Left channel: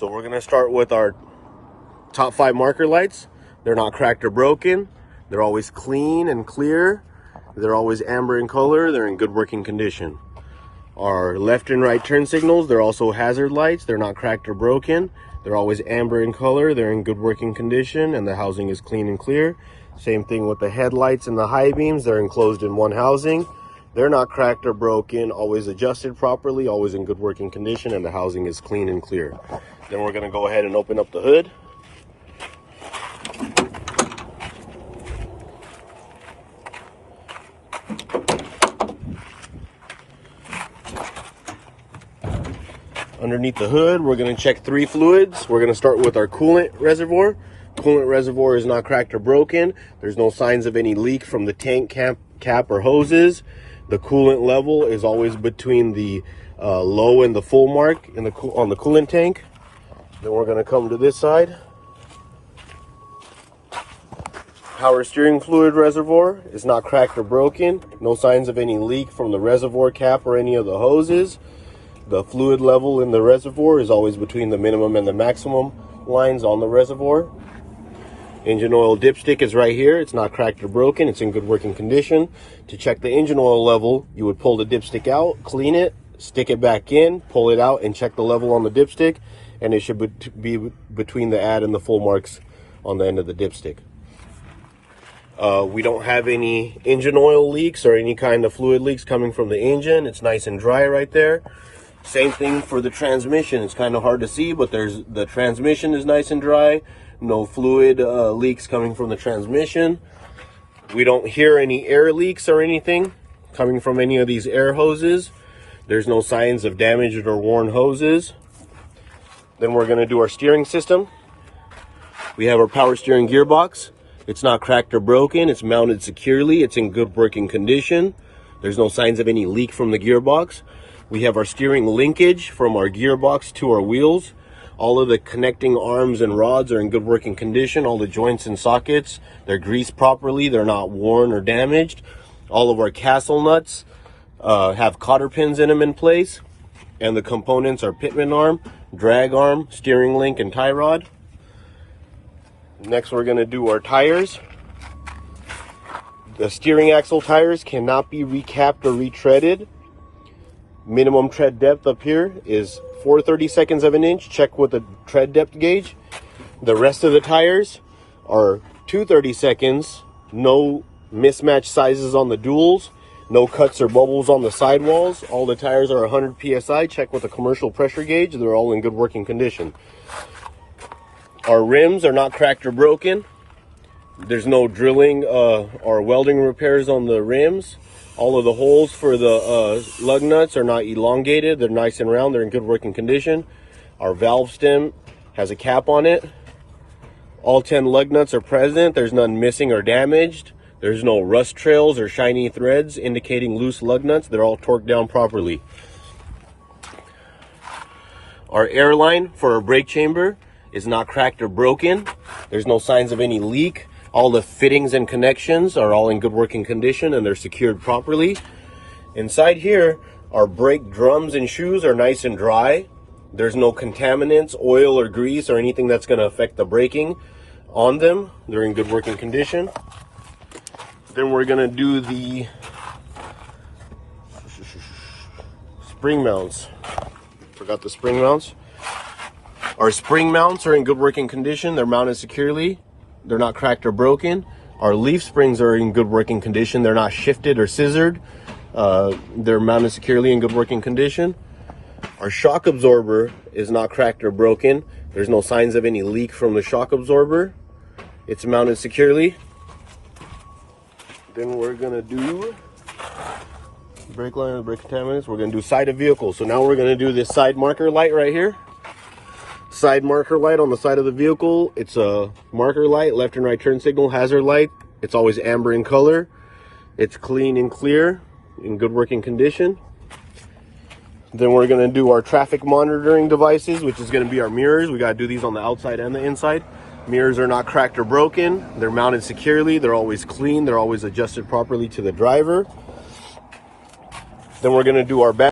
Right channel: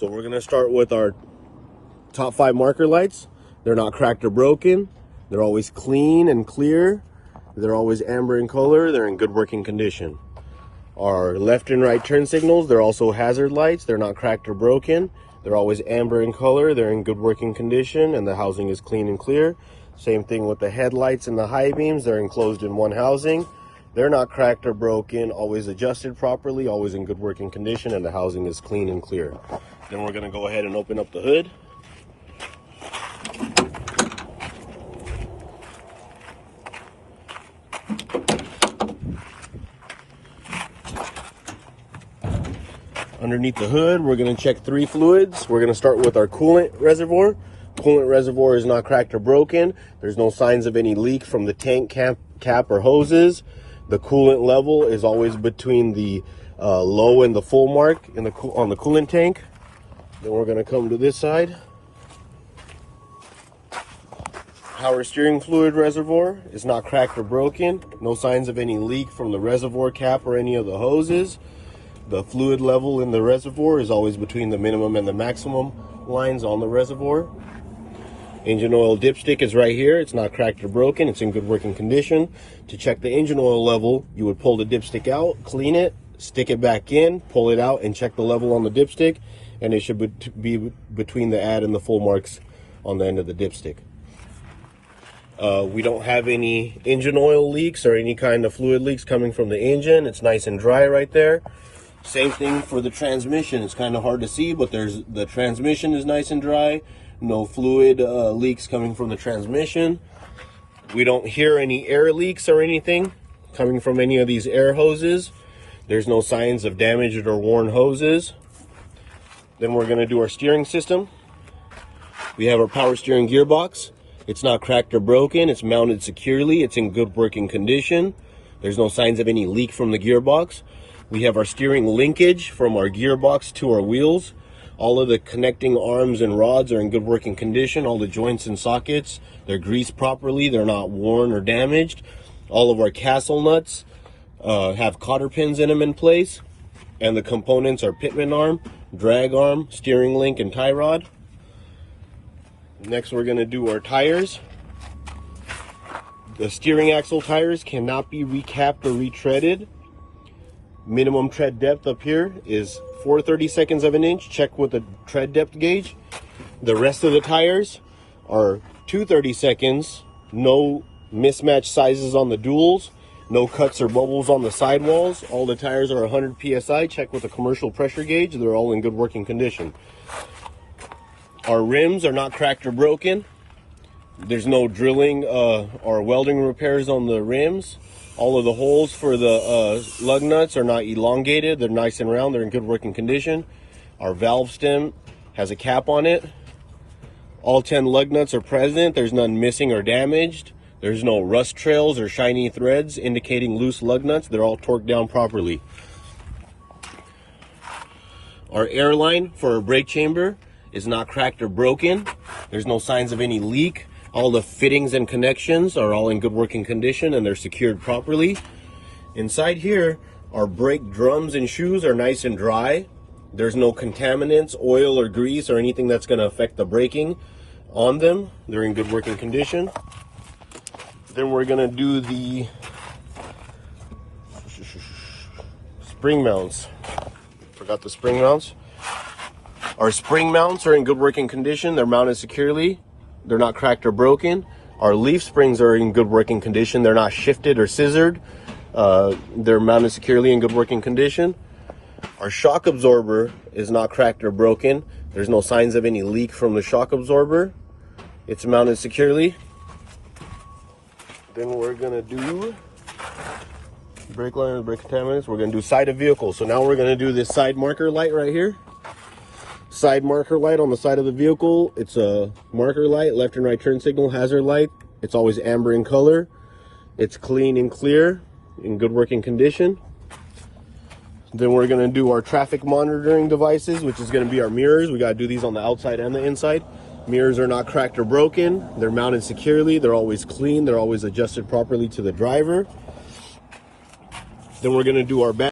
So we're gonna start with our top 5 marker lights. They're not cracked or broken. They're always clean and clear. They're always amber in color. They're in good working condition. Our left and right turn signals, they're also hazard lights. They're not cracked or broken. They're always amber in color. They're in good working condition, and the housing is clean and clear. Same thing with the headlights and the high beams. They're enclosed in one housing. They're not cracked or broken, always adjusted properly, always in good working condition, and the housing is clean and clear. Then we're gonna go ahead and open up the hood. Underneath the hood, we're going to check 3 fluids. We're going to start with our coolant reservoir. Coolant reservoir is not cracked or broken. There's no signs of any leak from the tank cap or hoses. The coolant level is always between the low and the full mark on the coolant tank. Then we're going to come to this side. Power steering fluid reservoir is not cracked or broken. No signs of any leak from the reservoir cap or any of the hoses. The fluid level in the reservoir is always between the minimum and the maximum lines on the reservoir. Engine oil dipstick is right here. It's not cracked or broken. It's in good working condition. To check the engine oil level, you would pull the dipstick out, clean it, stick it back in, pull it out, and check the level on the dipstick. And it should be between the add and the full marks on the end of the dipstick. We don't have any engine oil leaks or any kind of fluid leaks coming from the engine. It's nice and dry right there. Same thing for the transmission. It's kind of hard to see, but the transmission is nice and dry. No fluid leaks coming from the transmission. We don't hear any air leaks or anything coming from any of these air hoses. There's no signs of damaged or worn hoses. Then we're going to do our steering system. We have our power steering gearbox. It's not cracked or broken. It's mounted securely. It's in good working condition. There's no signs of any leak from the gearbox. We have our steering linkage from our gearbox to our wheels. All of the connecting arms and rods are in good working condition. All the joints and sockets, they're greased properly. They're not worn or damaged. All of our castle nuts have cotter pins in them in place. And the components are pitman arm, drag arm, steering link, and tie rod. Next, we're going to do our tires. The steering axle tires cannot be recapped or retreaded. Minimum tread depth up here is 4/32 of an inch. Check with the tread depth gauge. The rest of the tires are 2/32. No mismatched sizes on the duals. No cuts or bubbles on the sidewalls. All the tires are 100 psi. Check with a commercial pressure gauge. They're all in good working condition. Our rims are not cracked or broken. There's no drilling or welding repairs on the rims. All of the holes for the lug nuts are not elongated. They're nice and round. They're in good working condition. Our valve stem has a cap on it. All 10 lug nuts are present. There's none missing or damaged. There's no rust trails or shiny threads indicating loose lug nuts. They're all torqued down properly. Our air line for our brake chamber is not cracked or broken. There's no signs of any leak. All the fittings and connections are all in good working condition and they're secured properly. Inside here, our brake drums and shoes are nice and dry. There's no contaminants, oil or grease or anything that's going to affect the braking on them. They're in good working condition. Then we're going to do the spring mounts. Forgot the spring mounts. Our spring mounts are in good working condition. They're mounted securely. They're not cracked or broken. Our leaf springs are in good working condition. They're not shifted or scissored. They're mounted securely in good working condition. Our shock absorber is not cracked or broken. There's no signs of any leak from the shock absorber. It's mounted securely. Then we're going to do brake line, brake contaminants. We're going to do side of vehicle. So now we're going to do this side marker light right here. Side marker light on the side of the vehicle. It's a marker light, left and right turn signal, hazard light. It's always amber in color. It's clean and clear, in good working condition. Then we're going to do our traffic monitoring devices, which is going to be our mirrors. We got to do these on the outside and the inside. Mirrors are not cracked or broken. They're mounted securely. They're always clean. They're always adjusted properly to the driver. Then we're going to do our back.